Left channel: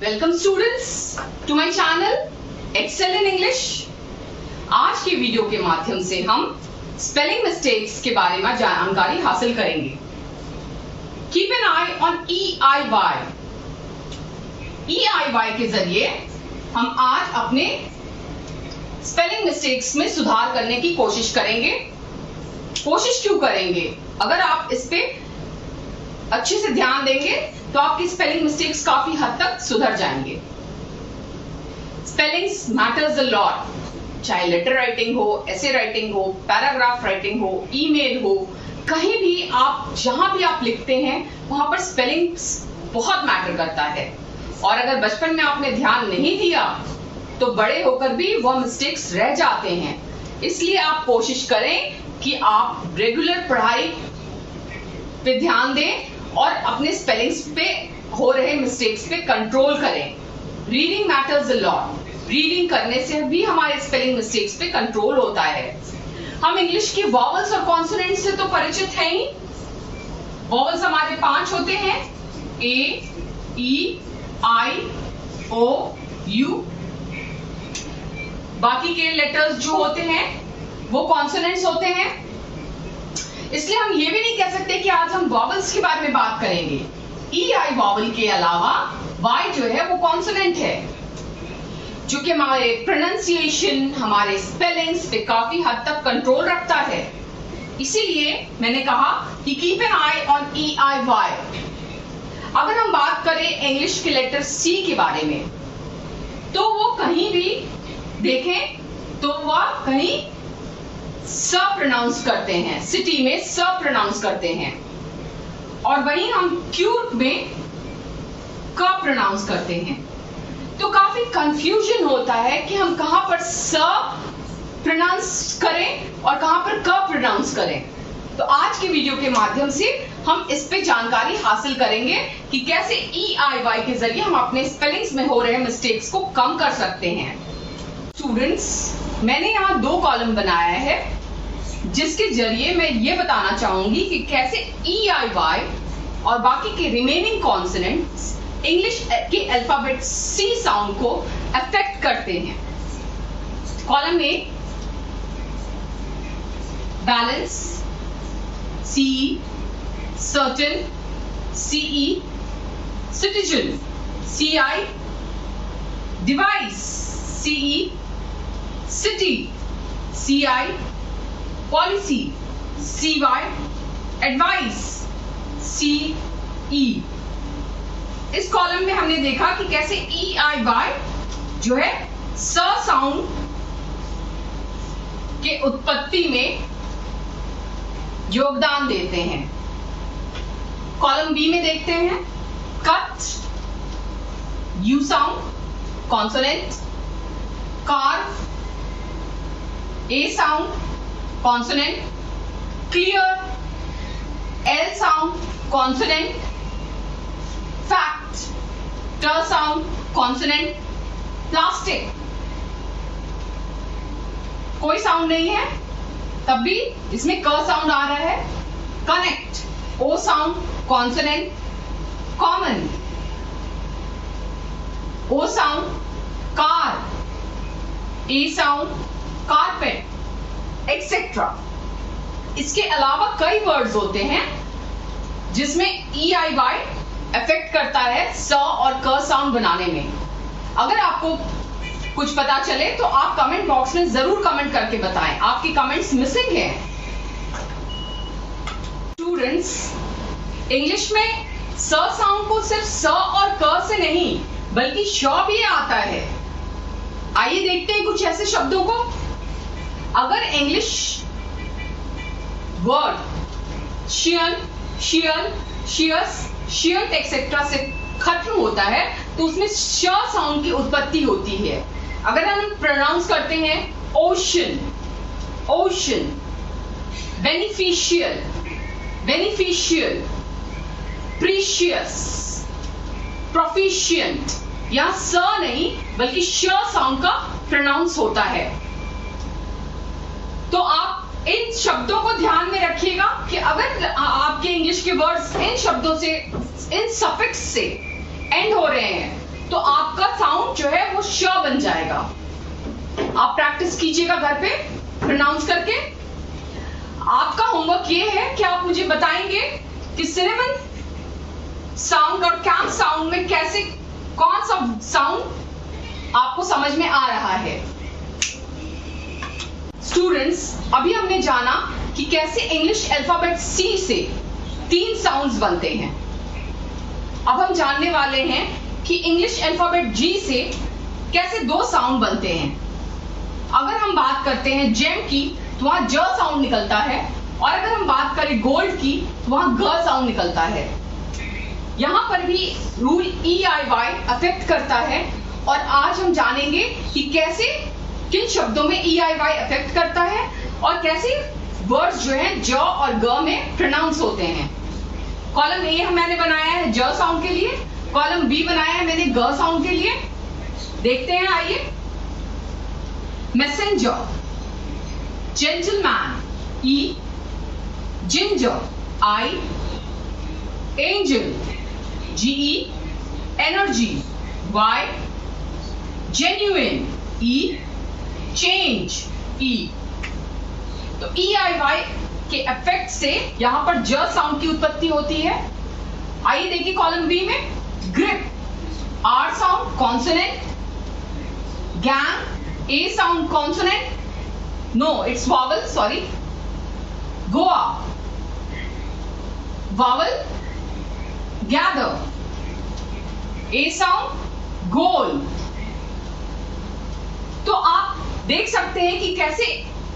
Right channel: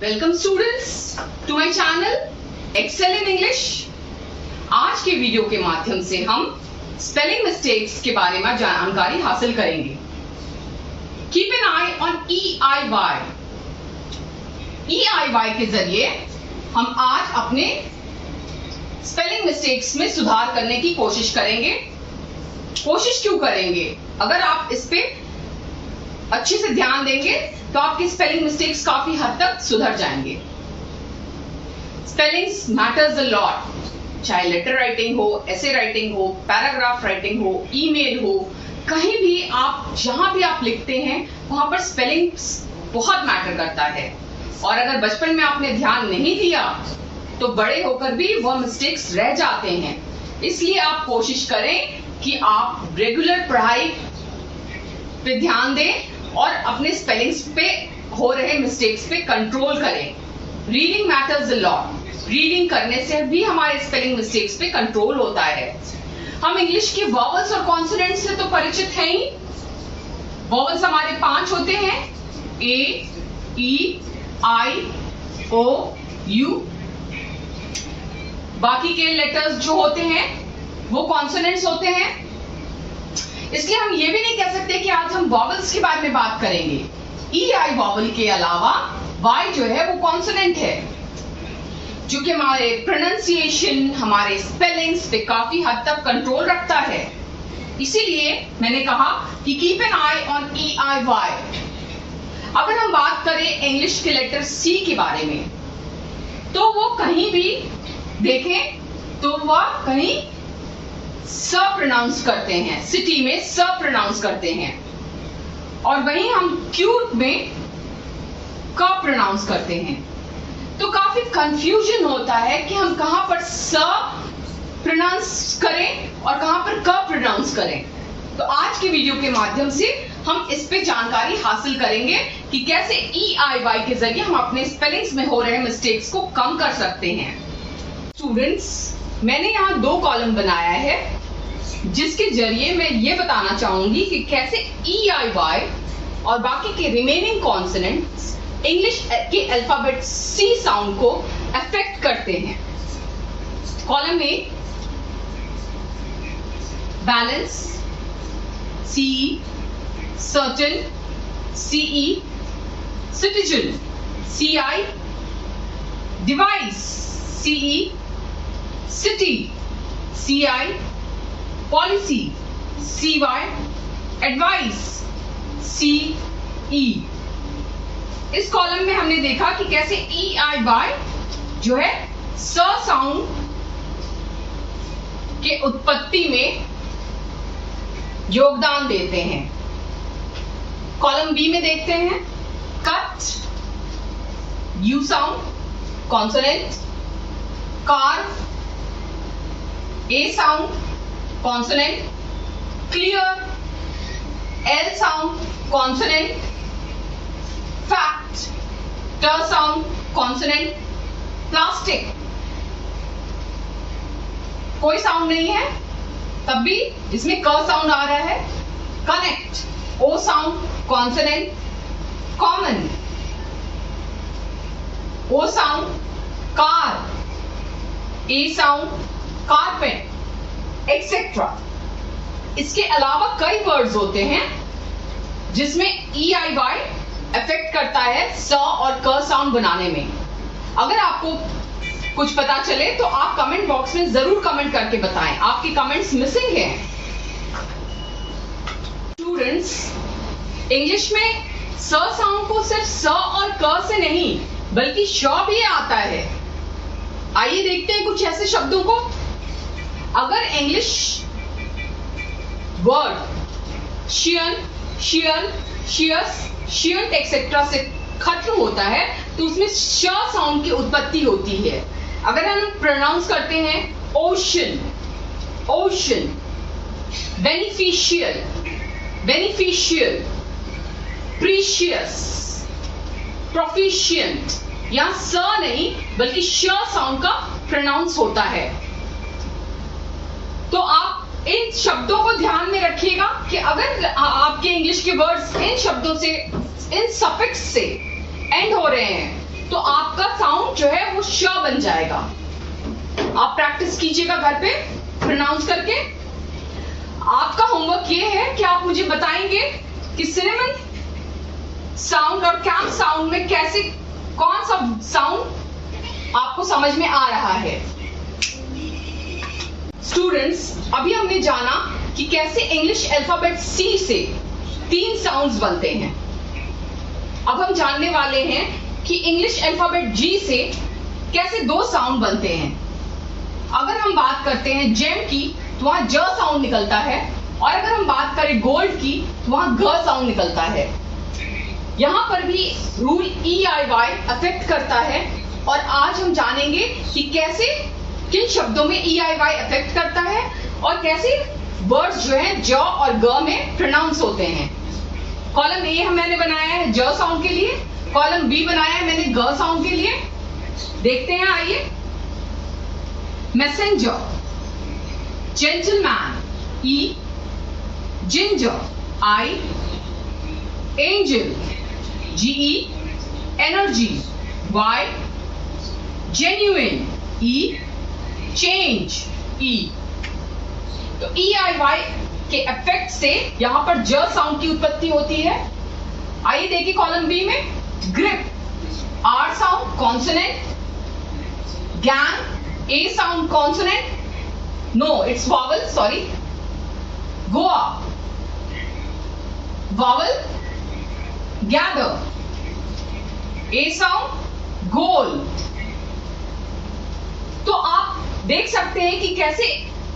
Welcome students to my channel excel in English. आज के video के माध्यम से हम स्पेलिंग मिस्टेक्स के बारे में जानकारी हासिल करेंगे। Keep an I on EIY। EIY के जरिए हम आज अपने स्पेलिंग मिस्टेक्स में सुधार करने की कोशिश करेंगे। कोशिश क्यों करेंगे? अगर आप इस पे अच्छे से ध्यान देंगे तो आपकी स्पेलिंग मिस्टेक्स काफी हद तक सुधर जाएंगे। स्पेलिंग्स मैटर्स अ लॉट, चाहे लेटर राइटिंग हो, एसे राइटिंग हो, पैराग्राफ राइटिंग हो, ईमेल हो, कहीं भी आप जहां भी आप लिखते हैं वहां पर स्पेलिंग्स बहुत मैटर करता है। और अगर बचपन में आपने ध्यान नहीं दिया तो बड़े होकर भी वह मिस्टेक्स रह जाते हैं। इसलिए आप कोशिश करें कि आप रेगुलर पढ़ाई पे ध्यान दें और अपने स्पेलिंग्स पे हो रहे मिस्टेक्स पे कंट्रोल करें। Reading matters a lot. Reading करने से भी हमारे स्पेलिंग मिस्टेक्स पे कंट्रोल होता है। हम इंग्लिश के वॉवल्स और कॉन्सोनेंट्स से तो परिचित हैं ही। वॉवल्स हमारे 5 होते हैं, A, E, I, O, U। बाकी के लेटर्स जो होते हैं वो कॉन्सोनेंट्स होते हैं। इसलिए हम ये भी नहीं कह सकते कि आज हम वॉवल्स के बारे में बात करेंगे। EI वॉवल के अलावा Y जो है वो कॉन्सोनेंट है, जो कि हमारे प्रोनाउंसिएशन, हमारे स्पेलिंग्स पे काफी हद तक कंट्रोल रखता है। इसीलिए मैंने कहा कि keep an I on EIY। अगर हम बात करें इंग्लिश के लेटर C के बारे में, तो वो कहीं भी देखें तो वह कहीं स प्रोनाउंस करते हैं, सिटी में स प्रोनाउंस करते हैं, और वहीं हम क्यू में क प्रोनाउंस करते हैं। तो काफी कंफ्यूजन होता है कि हम कहां पर स प्रोनाउंस करें और कहां पर क प्रोनाउंस करें। तो आज के वीडियो के माध्यम से हम इस पे जानकारी हासिल करेंगे कि कैसे EIY के जरिए हम अपने स्पेलिंग्स में हो रहे मिस्टेक्स को कम कर सकते हैं। स्टूडेंट्स, मैंने यहाँ 2 कॉलम बनाया है जिसके जरिए मैं ये बताना चाहूंगी कि कैसे EIY और बाकी के रिमेनिंग कॉन्सोनेंट्स इंग्लिश के अल्फाबेट C साउंड को अफेक्ट करते हैं। Column A balance, CE, certain, CE, citizen, CI, device, CE, city, CI, policy, CY, advice, CE। इस कॉलम में हमने देखा कि कैसे EIY जो है स साउंड के उत्पत्ति में योगदान देते हैं। कॉलम B में देखते हैं cut, U sound consonant, car, A sound consonant, clear, L sound consonant, fact, T sound consonant, plastic कोई साउंड नहीं है तब भी इसमें क साउंड आ रहा है, connect, O sound consonant, common, O sound, car, A sound, carpet, etcetera. इसके अलावा कई वर्ड्स होते हैं जिसमें EIY अफेक्ट करता है स और क साउंड बनाने में। अगर आपको कुछ पता चले तो आप कमेंट बॉक्स में जरूर कमेंट करके बताएं। आपकी कमेंट्स मिसिंग हैं। स्टूडेंट्स, इंग्लिश में स साउंड को सिर्फ स और क से नहीं बल्कि श भी आता है। आइए देखते हैं कुछ ऐसे शब्दों को। अगर इंग्लिश वर्ड शियन, शियल, शियस, शियंट एक्सेट्रा से खत्म होता है तो उसमें श साउंड की उत्पत्ति होती है। अगर हम प्रोनाउंस करते हैं ocean, ocean, beneficial, beneficial, precious, proficient, यहां स नहीं बल्कि श साउंड का प्रोनाउंस होता है। तो आप इन शब्दों को ध्यान में रखिएगा कि अगर आपके इंग्लिश के वर्ड्स इन शब्दों से, इन सफिक्स से एंड हो रहे हैं तो आपका साउंड जो है वो श बन जाएगा। आप प्रैक्टिस कीजिएगा घर पे प्रोनाउंस करके। आपका होमवर्क ये है कि आप मुझे बताएंगे कि सिनेमन साउंड और कैम्प साउंड में कैसे कौन सा साउंड आपको समझ में आ रहा है। स्टूडेंट्स, अभी हमने जाना कि कैसे इंग्लिश अल्फाबेट सी से 3 साउंड्स बनते हैं। अब हम जानने वाले हैं कि इंग्लिश अल्फाबेट जी से कैसे 2 साउंड बनते हैं। अगर हम बात करते हैं जेम की तो वहां ज साउंड निकलता है, और अगर हम बात करें गोल्ड की तो वहां घ साउंड निकलता है। यहां पर भी रूल EIY अफेक्ट करता है, और आज हम जानेंगे कि कैसे किन शब्दों में EIY अफेक्ट करता है और कैसे वर्ड्स जो है ज और ग में प्रोनाउंस होते हैं। कॉलम ए मैंने बनाया है ज साउंड के लिए, कॉलम बी बनाया है मैंने ग साउंड के लिए। देखते हैं, आइए। Messenger, gentleman E, ginger I, angel GE, energy Y, genuine E, change E। तो EIY के इफेक्ट से यहां पर ज साउंड की उत्पत्ति होती है। आइए देखिए कॉलम बी में, grip R sound consonant, gang A sound consonant, no it's vowel, sorry, Goa vowel, gather A sound, goal. तो आप देख सकते हैं कि कैसे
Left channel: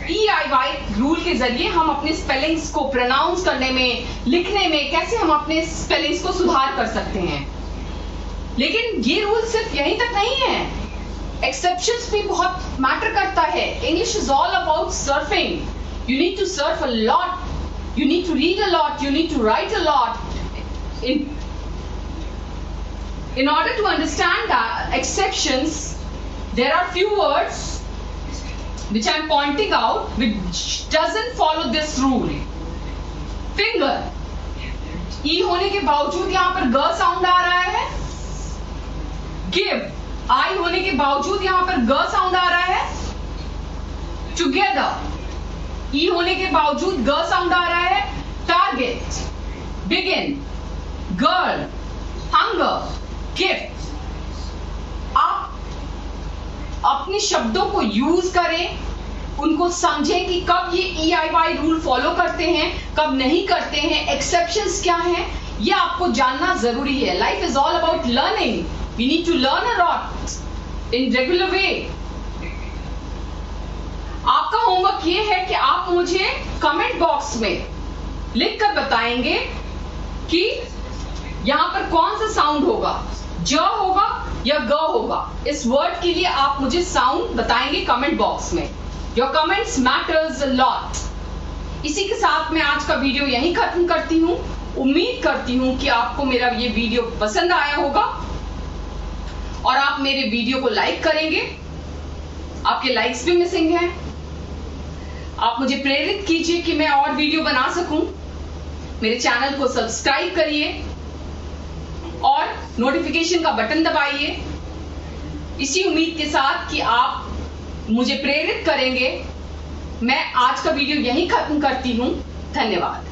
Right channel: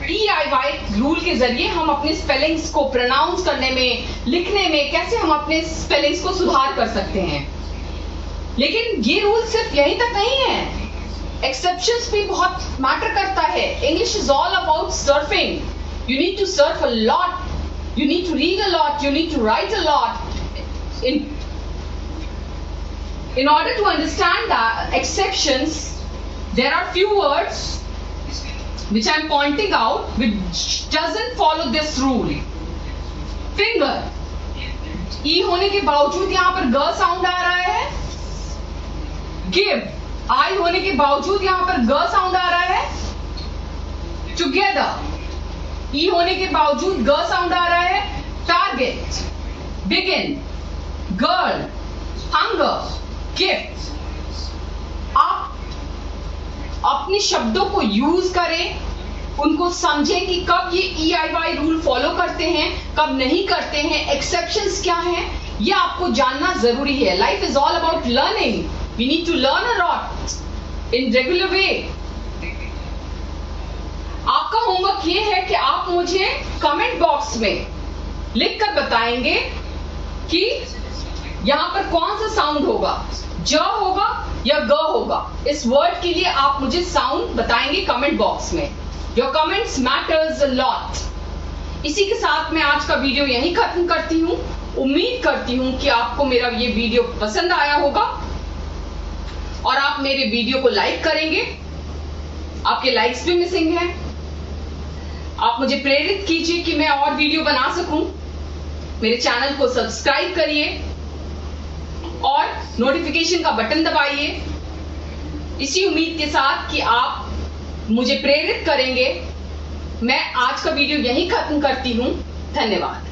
EIY रूल के जरिए हम अपने स्पेलिंग्स को प्रोनाउंस करने में, लिखने में कैसे हम अपने स्पेलिंग्स को सुधार कर सकते हैं। लेकिन ये रूल सिर्फ यहीं तक नहीं है, एक्सेप्शंस भी बहुत मैटर करता है। English is all about surfing. You need to surf a lot, you need to read a lot, you need to write a lot in order to understand the exceptions. There are few words which I am pointing out which doesn't follow this rule. Finger E होने के बावजूद यहां पर ग sound आ रहा है। Give I होने के बावजूद यहां पर ग साउंड आ रहा है। Together E होने के बावजूद ग साउंड आ रहा है। Target, begin, girl, hunger, gift. आप अपने शब्दों को यूज करें, उनको समझें कि कब ये EIY रूल फॉलो करते हैं, कब नहीं करते हैं, एक्सेप्शंस क्या हैं, ये आपको जानना जरूरी है। Life is all about learning. We need to learn a lot in regular way. आपका होमवर्क ये है कि आप मुझे कमेंट बॉक्स में लिखकर बताएंगे कि यहां पर कौन सा साउंड होगा, ज होगा या ग होगा। इस वर्ड के लिए आप मुझे साउंड बताएंगे कमेंट बॉक्स में। Your comments matters a lot. इसी के साथ मैं आज का वीडियो यहीं खत्म करती हूं। उम्मीद करती हूं कि आपको मेरा ये वीडियो पसंद आया होगा और आप मेरे वीडियो को लाइक करेंगे। आपके लाइक्स भी मिसिंग हैं। आप मुझे प्रेरित कीजिए कि मैं और वीडियो बना सकूं। मेरे चैनल को सब्सक्राइब करिए और नोटिफिकेशन का बटन दबाइए, इसी उम्मीद के साथ कि आप मुझे प्रेरित करेंगे। मैं आज का वीडियो यहीं खत्म करती हूं। धन्यवाद।